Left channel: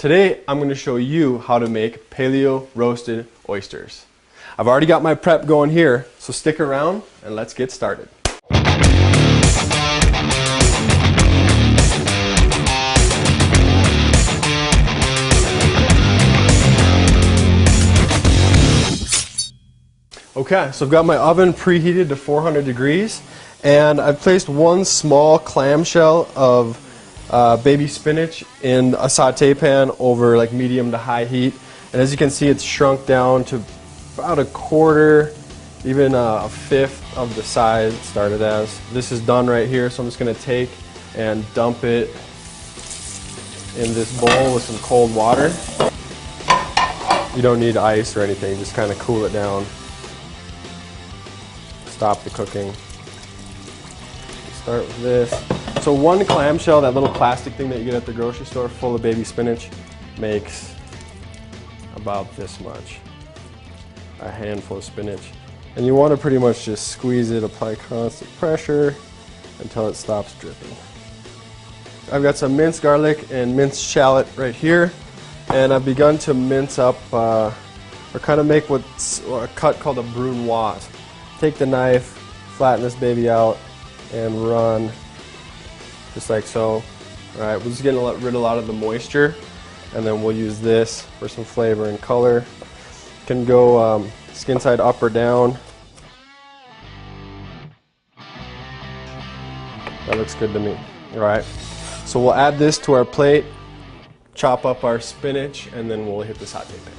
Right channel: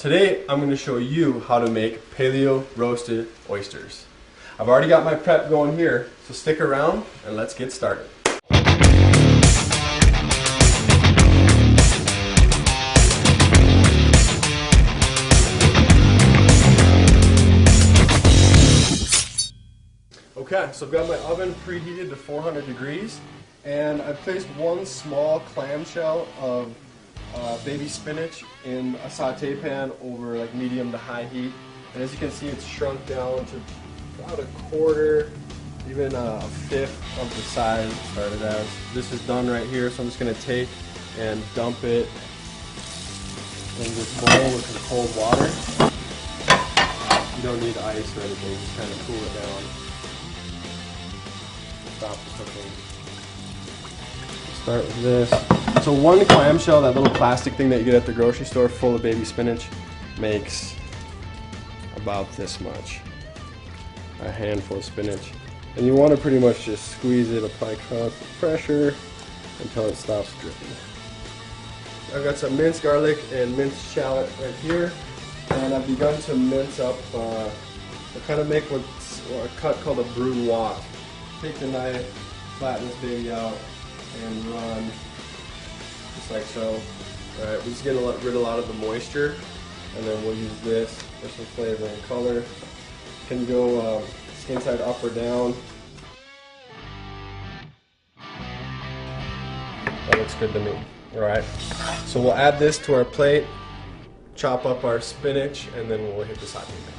Today I'm going to show you how to make paleo roasted oysters. I've already got my prep going here, so stick around and let's get started. Okay, so I've got my oven preheated to 400 degrees and I've placed one small clamshell of baby spinach in a saute pan over like medium to high heat, and as you can see it's shrunk down to about a quarter, even a fifth of the size it started as. This is done right here, so I'm just going to take and dump it in this bowl with some cold water. You don't need ice or anything, just kind of cool it down. Stop the cooking. Start with this. So one clamshell, that little plastic thing that you get at the grocery store full of baby spinach, makes about this much. A handful of spinach. And you want to pretty much just squeeze it, apply constant pressure until it stops dripping. I've got some minced garlic and minced shallot right here, and I've begun to mince up or kind of make what's a cut called a brunoise. Take the knife, flatten this baby out, and run just like so. Alright, we're just getting rid of a lot of the moisture, and then we'll use this for some flavor and color. You can go skin side up or down. That looks good to me. Alright, so we'll add this to our plate, chop up our spinach, and then we'll hit the saute pan.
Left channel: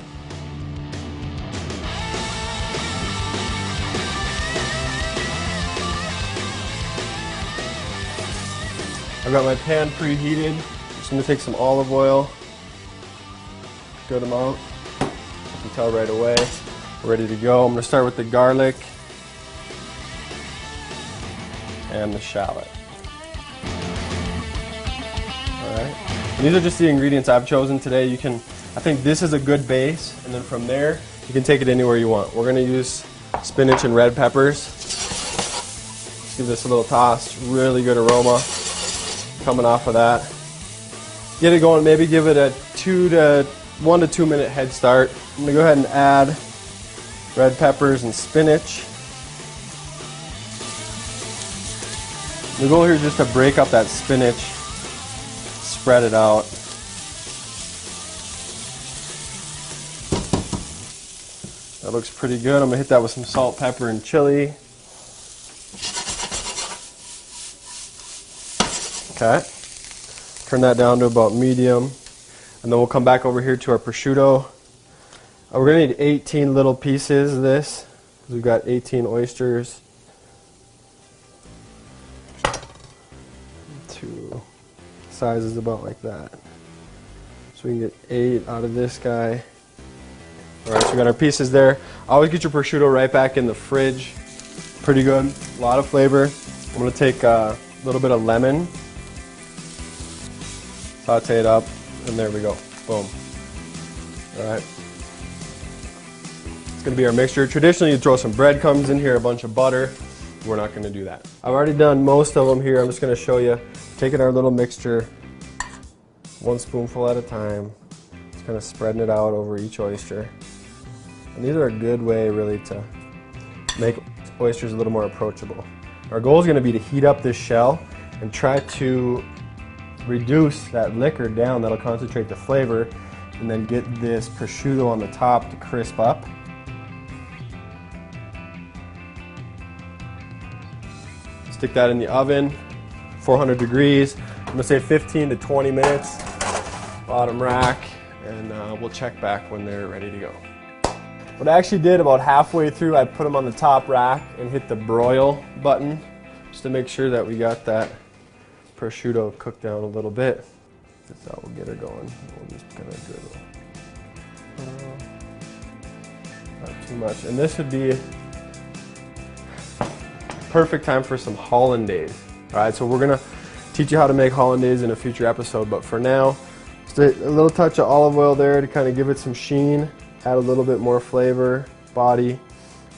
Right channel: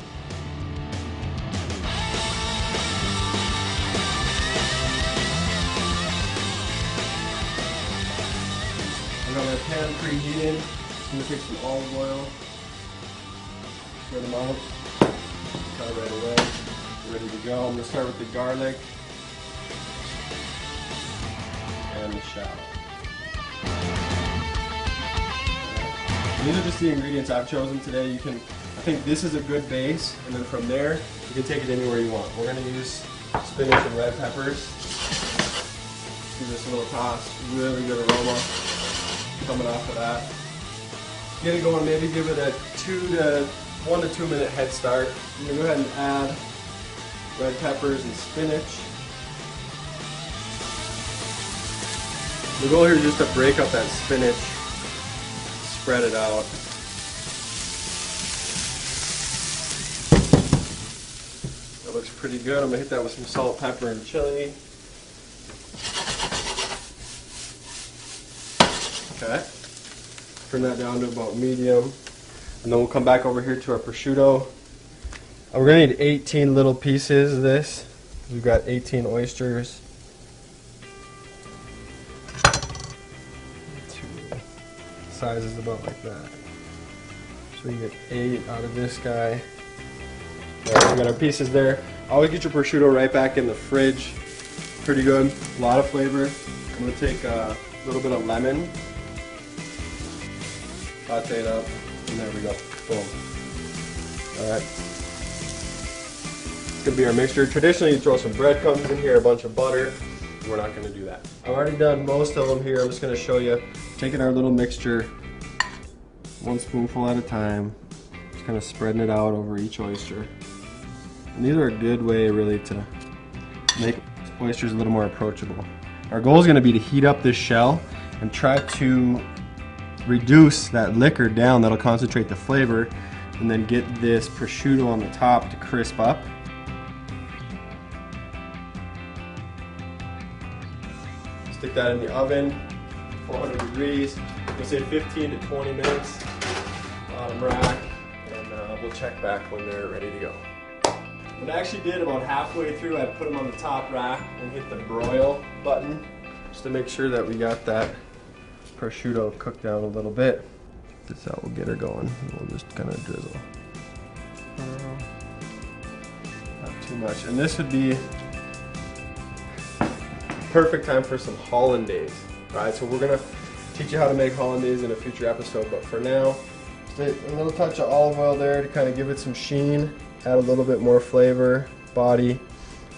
I've got my pan preheated. Just going to take some olive oil, stir them out. You can tell right away we're ready to go. I'm going to start with the garlic and the shallot. Alright. These are just the ingredients I've chosen today. I think this is a good base, and then from there you can take it anywhere you want. We're going to use spinach and red peppers. Give this a little toss. Really good aroma coming off of that. Get it going, maybe give it a 1 to 2 minute head start. I'm going to go ahead and add red peppers and spinach. The goal here is just to break up that spinach, spread it out. That looks pretty good. I'm going to hit that with some salt, pepper, and chili. Okay, turn that down to about medium, and then we'll come back over here to our prosciutto. We're going to need 18 little pieces of this, because we've got 18 oysters. Size is about like that. So we can get 8 out of this guy. Alright, we got our pieces there. Always get your prosciutto right back in the fridge. Pretty good, a lot of flavor. I'm going to take a little bit of lemon. Saute it up, and there we go. Boom. Alright. It's going to be our mixture. Traditionally, you throw some breadcrumbs in here, a bunch of butter. We're not going to do that. I've already done most of them here. I'm just going to show you. Taking our little mixture, 1 spoonful at a time. Just kind of spreading it out over each oyster. And these are a good way, really, to make oysters a little more approachable. Our goal is going to be to heat up this shell and try to reduce that liquor down. That'll concentrate the flavor, and then get this prosciutto on the top to crisp up. Stick that in the oven, 400 degrees. I'm going to say 15 to 20 minutes, bottom rack, and we'll check back when they're ready to go. What I actually did about halfway through, I put them on the top rack and hit the broil button just to make sure that we got that prosciutto cooked down a little bit. That's how we'll get her going. We'll just kind of drizzle. Not too much. And this would be perfect time for some hollandaise. Alright, so we're going to teach you how to make hollandaise in a future episode, but for now, just a little touch of olive oil there to kind of give it some sheen, add a little bit more flavor, body.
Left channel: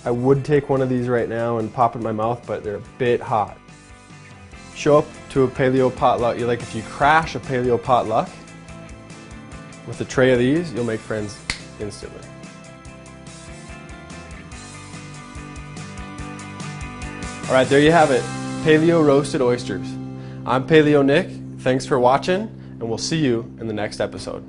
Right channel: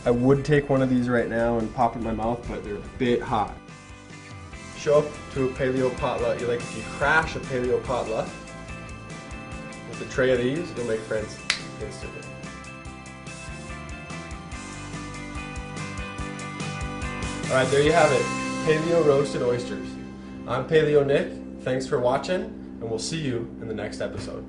I would take one of these right now and pop in my mouth, but they're a bit hot. Show up to a paleo potluck, like if you crash a paleo potluck, With a tray of these, you'll make friends instantly. All right, there you have it. Paleo roasted oysters. I'm Paleo Nick. Thanks for watching, and we'll see you in the next episode.